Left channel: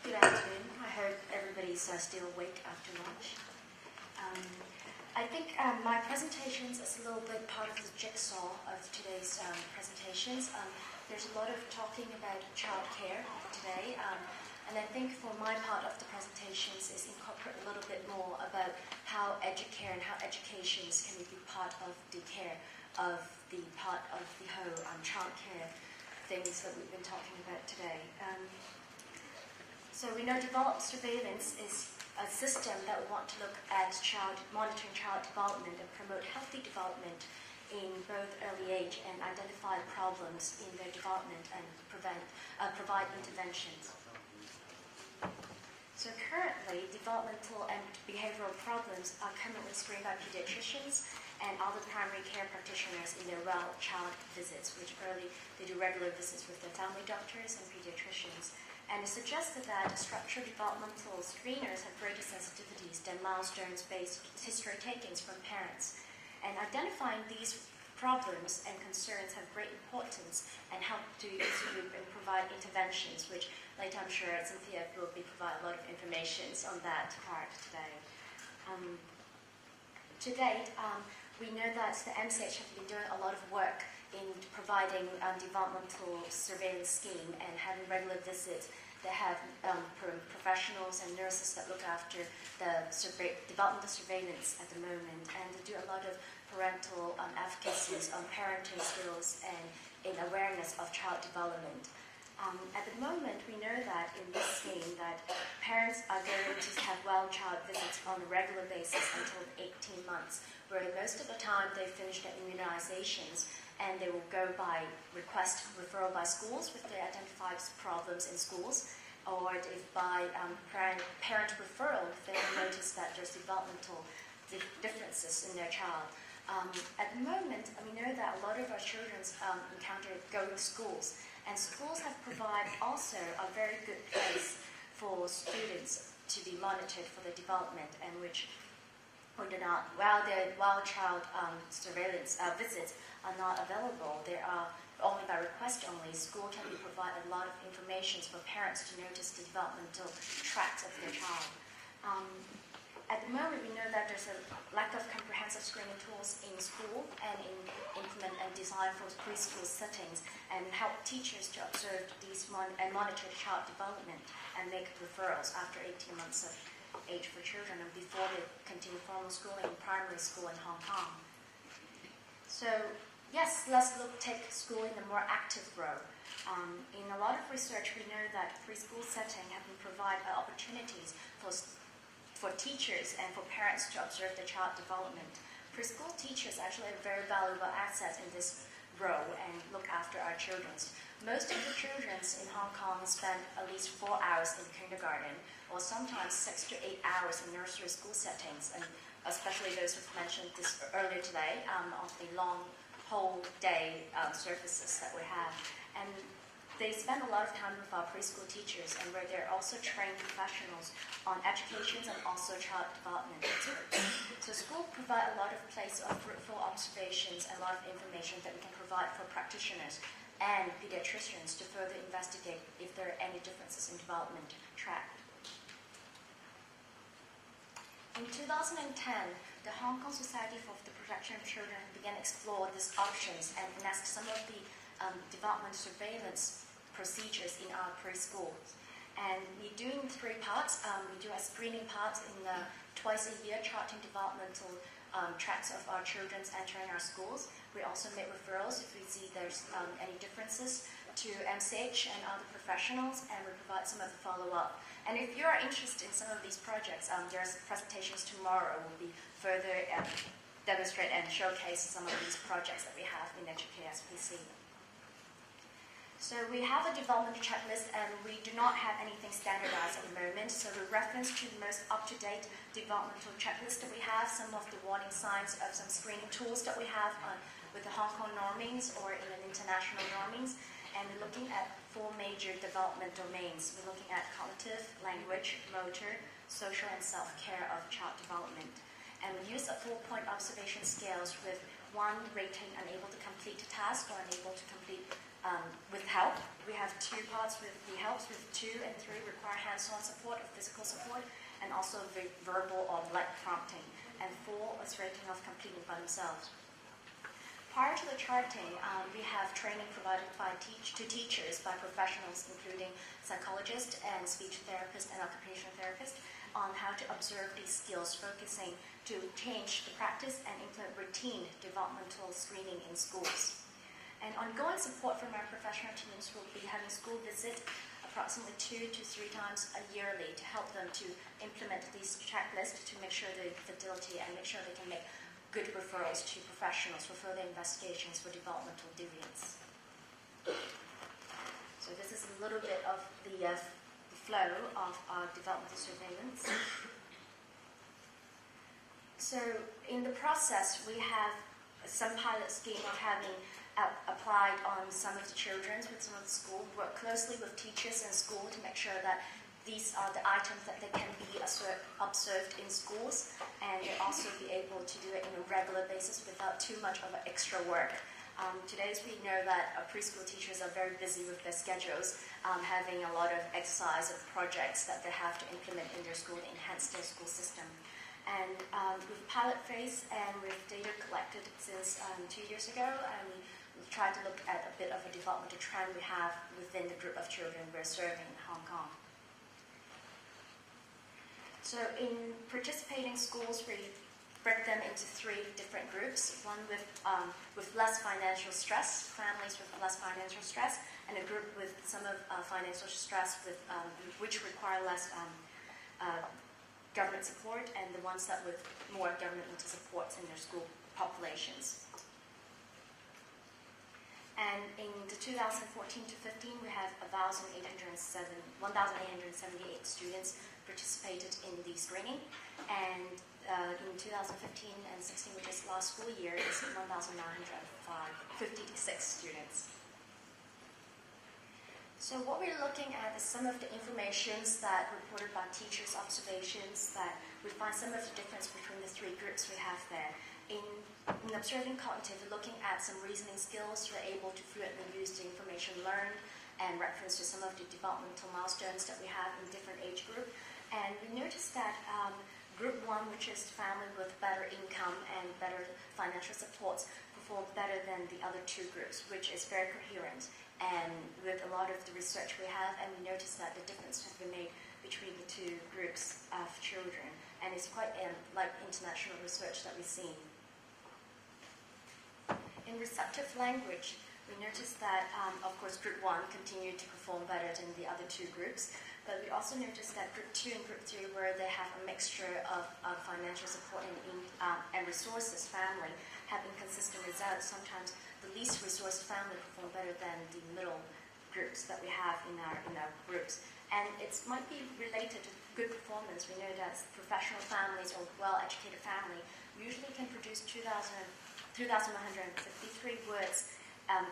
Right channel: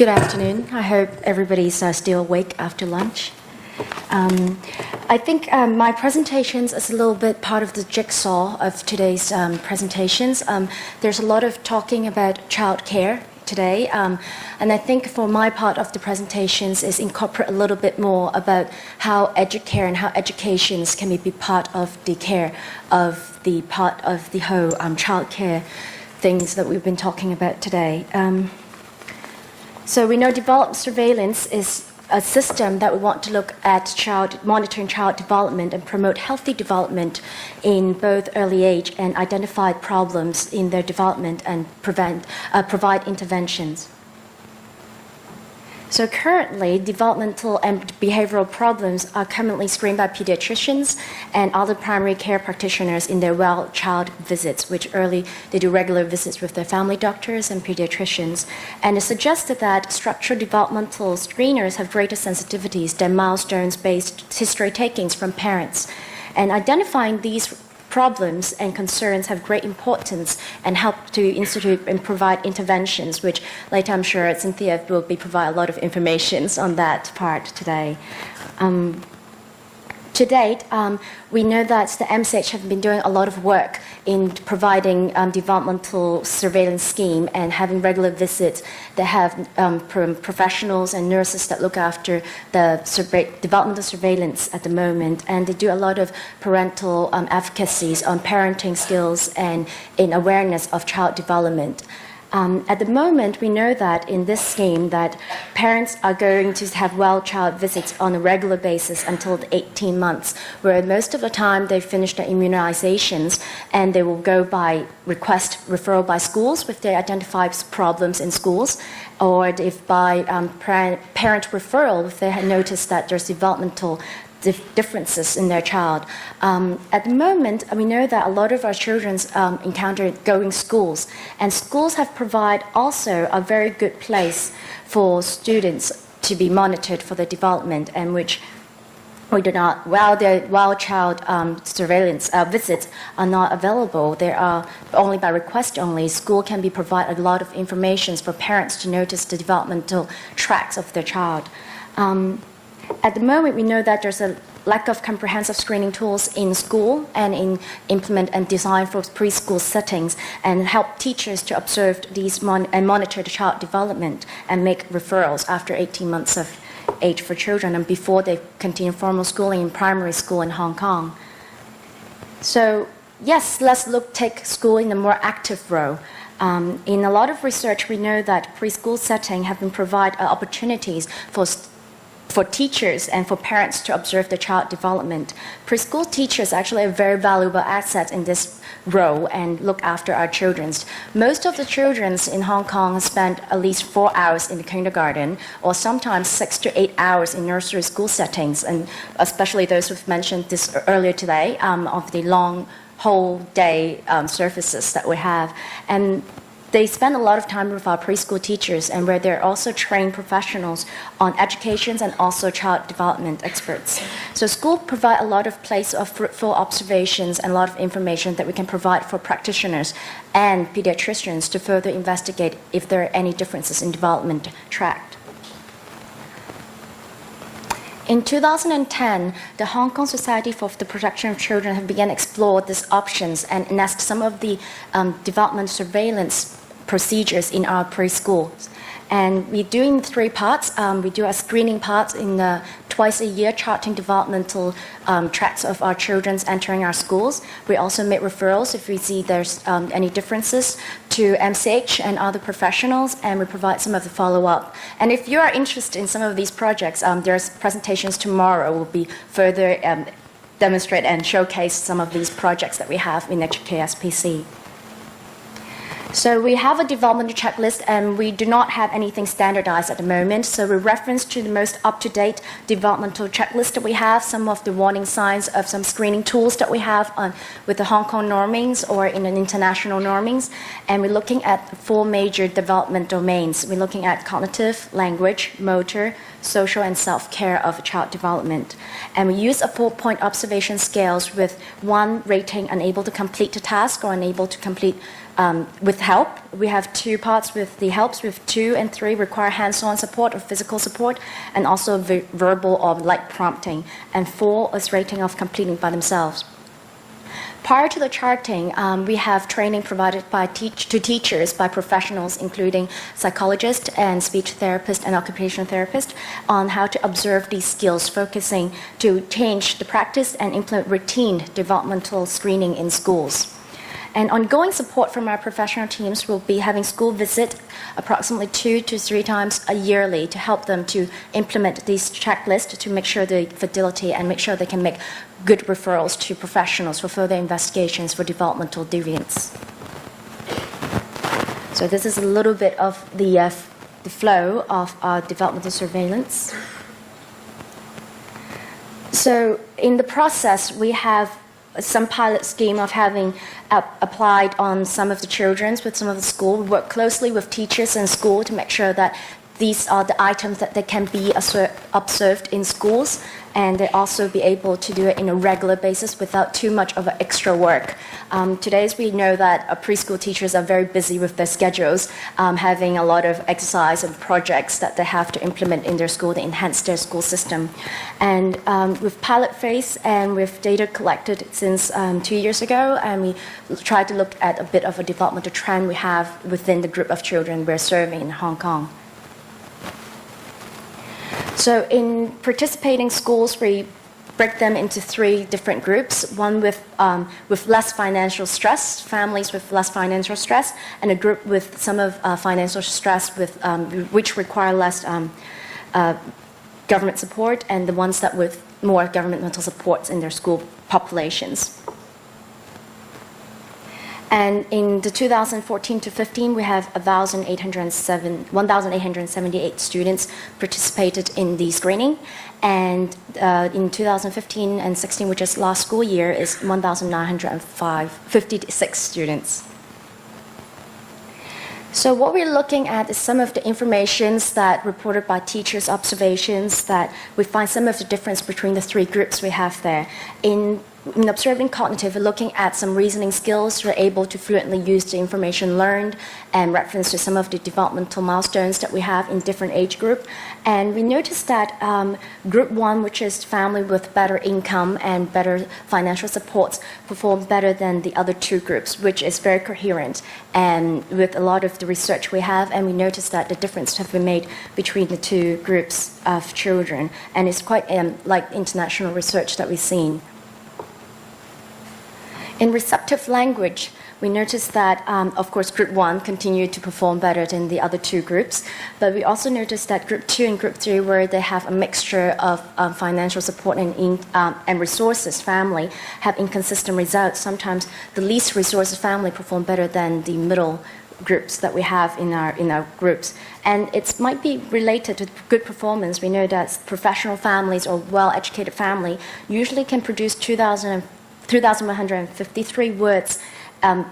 Good afternoon. I hope everybody's still awake after lunch. I think my presentations is a little bit part of the jigsaw of today's presentations. There's a lot of talking about childcare today, and I think for my part of the presentations is incorporate a little bit more about how educare and how educations can be part of the care of the part of the whole childcare things that we've been talking about today. So we know developmental surveillance is a system that we want to look at monitoring child development and promote healthy development in both early age and identify problems in their development and provide interventions. So currently, developmental and behavioral problems are commonly screened by pediatricians and other primary care practitioners in their well child visits, which they do regular visits with their family doctors and pediatricians. And it's suggested that structural developmental screeners have greater sensitivities than milestones-based history takings from parents. And identifying these problems and concerns have great importance and help to institute and provide interventions, which later I'm sure Cynthia will provide a lot of information on that part today. To date, we know that the MCH have been doing a lot of work in providing developmental surveillance scheme and having regular visits that have professionals and nurses that look after the developmental surveillance at the moment. And they do a lot of parental advocacies on parenting skills and in awareness of child development. At the moment, we know that in this scheme that parents are going to have well child visits on a regular basis until the 18 months, where most of the time they finish their immunizations and they will go by referral by schools if they identify problems in schools, or if by parent referral if they had noticed that there's developmental differences in their child. At the moment, we know that a lot of our children encounter going schools, and schools have provided also a very good place for students to be monitored for their development, and which we do not, while child surveillance visits are not available, they are only by request only. School can be provide a lot of information for parents to notice the developmental tracks of their child. At the moment, we know that there's a lack of comprehensive screening tools in school and implement and design for preschool settings and help teachers to observe these and monitor the child development and make referrals after 18 months of age for children and before they continue formal schooling in primary school in Hong Kong. So yes, let's take school in a more active role. In a lot of research, we know that preschool setting have been provide opportunities for teachers and for parents to observe the child development. Preschool teachers actually are a very valuable asset in this role and look after our children. Most of the children in Hong Kong spend at least 4 hours in the kindergarten or sometimes 6 to 8 hours in nursery school settings, and especially those who've mentioned this earlier today of the long whole day services that we have. And they spend a lot of time with our preschool teachers and where they're also trained professionals on educations and also child development experts. So school provide a lot of place of fruitful observations and a lot of information that we can provide for practitioners and pediatricians to further investigate if there are any differences in development track. In 2010, the Hong Kong Society for the Protection of Children have begun to explore these options and enacted some of the development surveillance procedures in our preschools. And we do in 3 parts. We do a screening part in twice a year, charting developmental tracks of our children entering our schools. We also make referrals if we see there's any differences to MCH and other professionals, and we provide some of the follow-up. And if you are interested in some of these projects, there's presentations tomorrow will be further demonstrate and showcase some of these projects that we have in HKSPC. So we have a developmental checklist, and we do not have anything standardized at the moment. So we reference to the most up-to-date developmental checklist that we have, some of the warning signs of some screening tools that we have with the Hong Kong normings or in an international normings. And we're looking at 4 major development domains. We're looking at cognitive, language, motor, social, and self-care of child development. And we use a 4-point observation scales with 1 rating unable to complete the task or unable to complete with help. We have 2 parts with the helps, with 2 and 3 require hands-on support or physical support, and also verbal or light prompting, and 4 is rating of completing by themselves. Prior to the charting, we have training provided to teachers by professionals, including psychologists and speech therapists and occupational therapists, on how to observe these skills, focusing to change the practice and implement routine developmental screening in schools. And ongoing support from our professional teams will be having school visit approximately 2 to 3 times yearly to help them to implement these checklists to make sure the fidelity and make sure they can make good referrals to professionals for further investigations for developmental deviance. So this is a little bit of the flow of our developmental surveillance. So in the process, we have some pilot scheme of having applied on some of the children with some of the school. We work closely with teachers and school to make sure that these are the items that they can be observed in schools, and they also be able to do it in a regular basis without too much of extra work. Today, we know that preschool teachers are very busy with their schedules, having a lot of exercise and projects that they have to implement in their school to enhance their school system. And with pilot phase and with data collected since 2 years ago, and we try to look at a bit of a developmental trend we have within the group of children we're serving in Hong Kong. So in participating schools, we break them into 3 different groups, one with less financial stress, families with less financial stress, and a group with some of financial stress which require less government support, and the ones that with more governmental supports in their school populations. And in the 2014 to 15, we have 1,878 students participated in the screening. And in 2015 and 16, which is last school year, is 1,956 students. So what we're looking at is some of the informations that reported by teachers' observations that we find some of the difference between the 3 groups we have there. In observing cognitive, we're looking at some reasoning skills. We're able to fluently use the information learned and reference to some of the developmental milestones that we have in different age group. And we noticed that group 1, which is family with better income and better financial supports, perform better than the other 2 groups, which is very coherent and with a lot of the research we have. And we noticed that the difference have been made between the 2 groups of children. And it's quite like international research that we've seen. In receptive language, we noticed that, of course, Group 1 continued to perform better than the other 2 groups, but we also noticed that Group 2 and Group 3, where they have a mixture of financial support and resources family, have inconsistent results. Sometimes the least resources family perform better than the middle groups that we have in our groups. And it might be related to good performance. We know that professional families or well-educated family usually can produce 2,153 words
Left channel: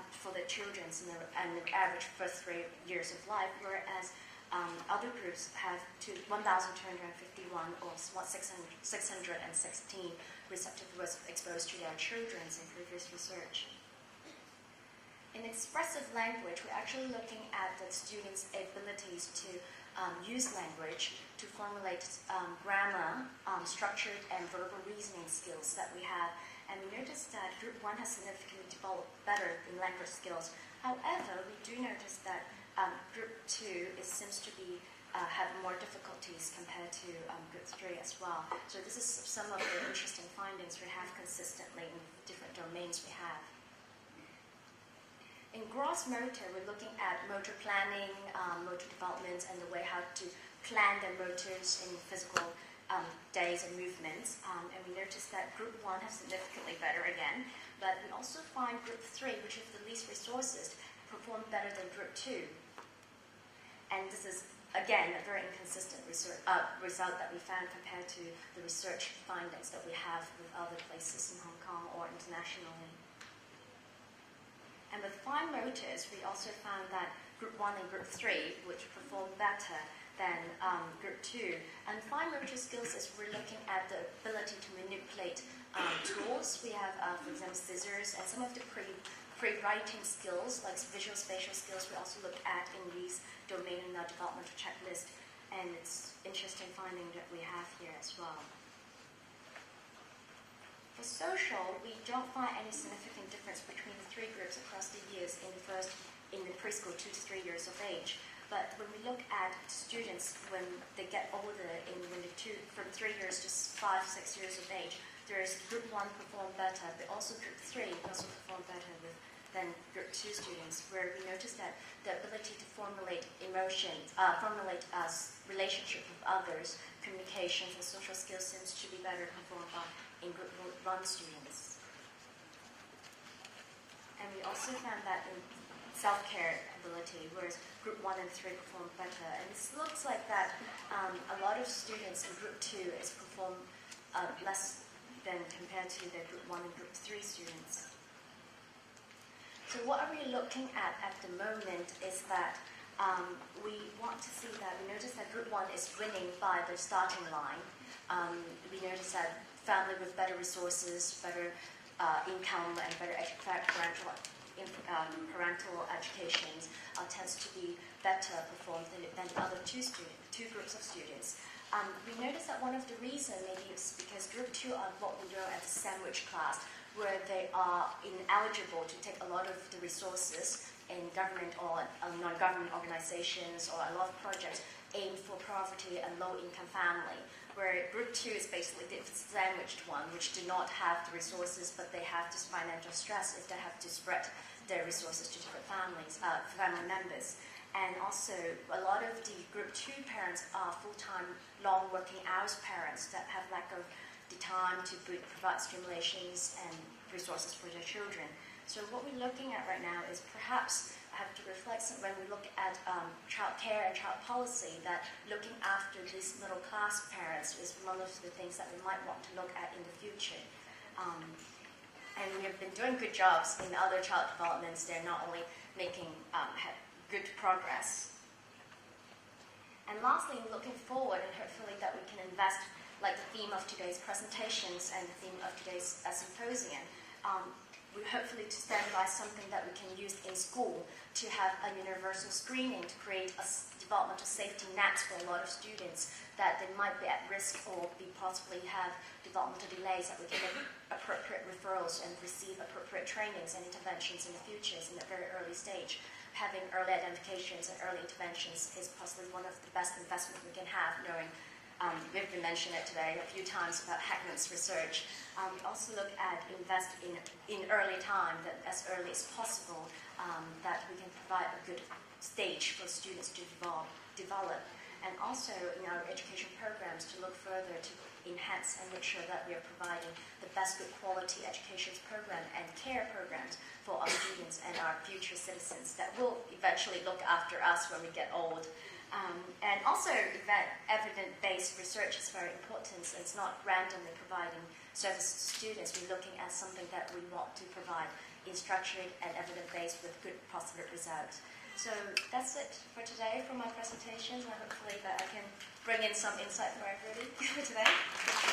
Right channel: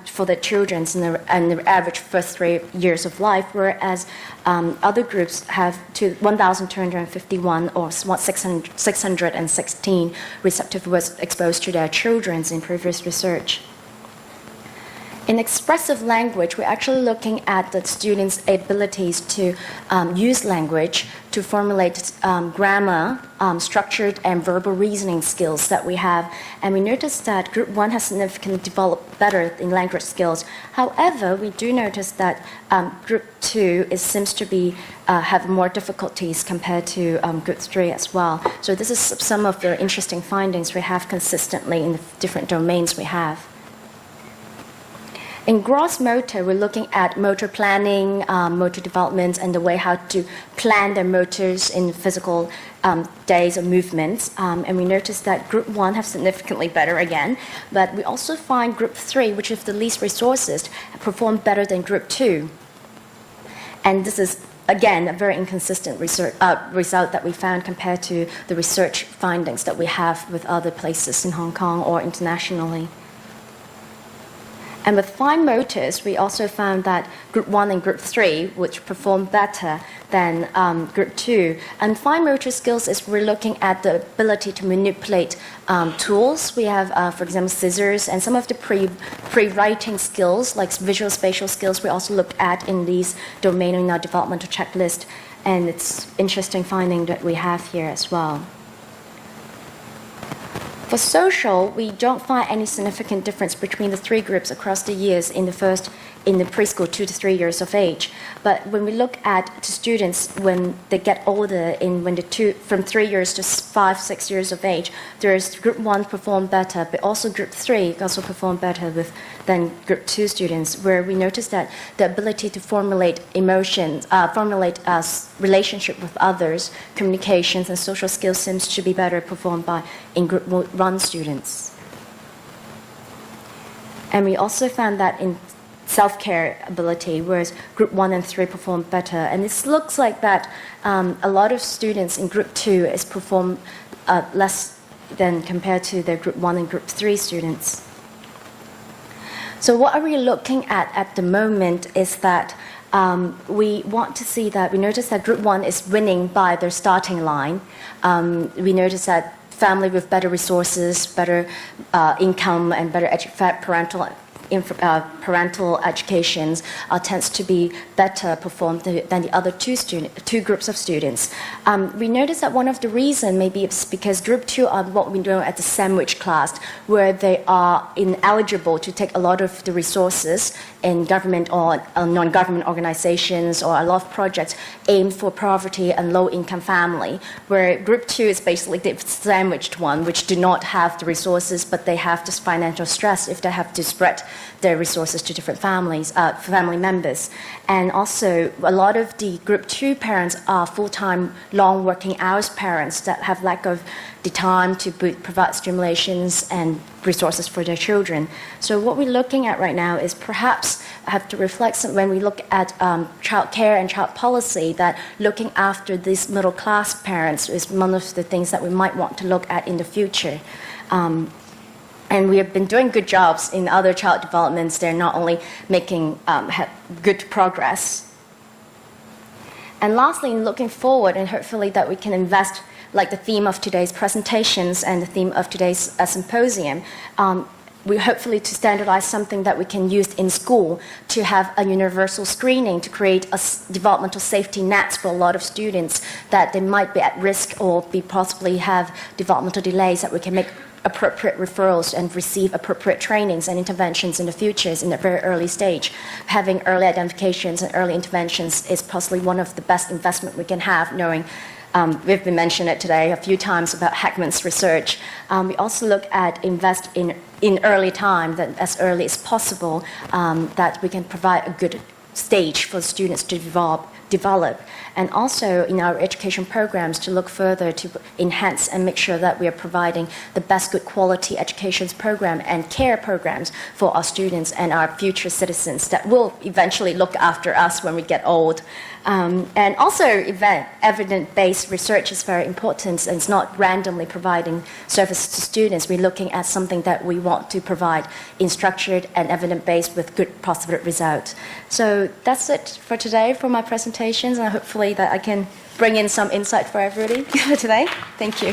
for the children in the average first 3 years of life, whereas other groups have 1,251 or 616 receptive words exposed to their children in previous research. In expressive language, we're actually looking at the students' abilities to use language to formulate grammar, structured and verbal reasoning skills that we have. And we noticed that Group 1 has significantly developed better in language skills. However, we do notice that Group 2 seems to be have more difficulties compared to Group 3 as well. So this is some of the interesting findings we have consistently in the different domains we have. In gross motor, we're looking at motor planning, motor development, and the way how to plan their motors in physical days or movements. And we noticed that Group 1 have significantly better again, but we also find Group 3, which is the least resources, perform better than Group 2. And this is, again, a very inconsistent result that we found compared to the research findings that we have with other places in Hong Kong or internationally. And with fine motors, we also found that group 1 and group 3, which performed better than group 2. And fine motor skills is we're looking at the ability to manipulate tools. We have, for example, scissors, and some of the pre-writing skills, like visual spatial skills, we also look at in these domain in our developmental checklist. And it's interesting finding that we have here as well. For social, we don't find any significant difference between the 3 groups across the years in the preschool 2 to 3 years of age. But when we look at the students when they get older, from 3 years to 5, 6 years of age, there's group 1 performed better, but also group 3 also performed better than group 2 students, where we noticed that the ability to formulate emotions, relationship with others, communications, and social skills seems to be better performed in group 1 students. And we also found that in self-care ability, whereas group 1 and 3 perform better. And it looks like that a lot of students in group 2 is perform less than compared to the group 1 and group 3 students. So what are we looking at the moment is that we want to see that we notice that group 1 is winning by their starting line. We notice that family with better resources, better income, and better parental educations tends to be better performed than the other two groups of students. We notice that one of the reasons maybe it's because group 2 are what we know as the sandwich class, where they are ineligible to take a lot of the resources in government or non-government organizations, or a lot of projects aimed for poverty and low-income family, where group 2 is basically the sandwiched one, which do not have the resources, but they have this financial stress if they have to spread their resources to different family members. And also, a lot of the group 2 parents are full-time, long working hours parents that have lack of the time to provide stimulations and resources for their children. So what we're looking at right now is perhaps have to reflect when we look at child care and child policy, that looking after these middle-class parents is one of the things that we might want to look at in the future. And we have been doing good jobs in other child developments. They're not only making good progress. And lastly, in looking forward, and hopefully that we can invest, like the theme of today's presentations and the theme of today's symposium, we hopefully to standardize something that we can use in school to have a universal screening to create a developmental safety nets for a lot of students that they might be at risk or possibly have developmental delays, that we can make appropriate referrals and receive appropriate trainings and interventions in the future in a very early stage. Having early identifications and early interventions is possibly one of the best investment we can have, knowing we've been mentioning it today a few times about Heckman's research. We also look at invest in early time, that as early as possible, that we can provide a good stage for students to develop. And also in our education programs to look further to enhance and make sure that we are providing the best good quality education program and care programs for our students and our future citizens that will eventually look after us when we get old. And also evidence-based research is very important, and it's not randomly providing services to students. We're looking at something that we want to provide in structured and evidence-based with good positive results. So that's it for today for my presentations, and hopefully that I can bring in some insight for everybody today. Thank you.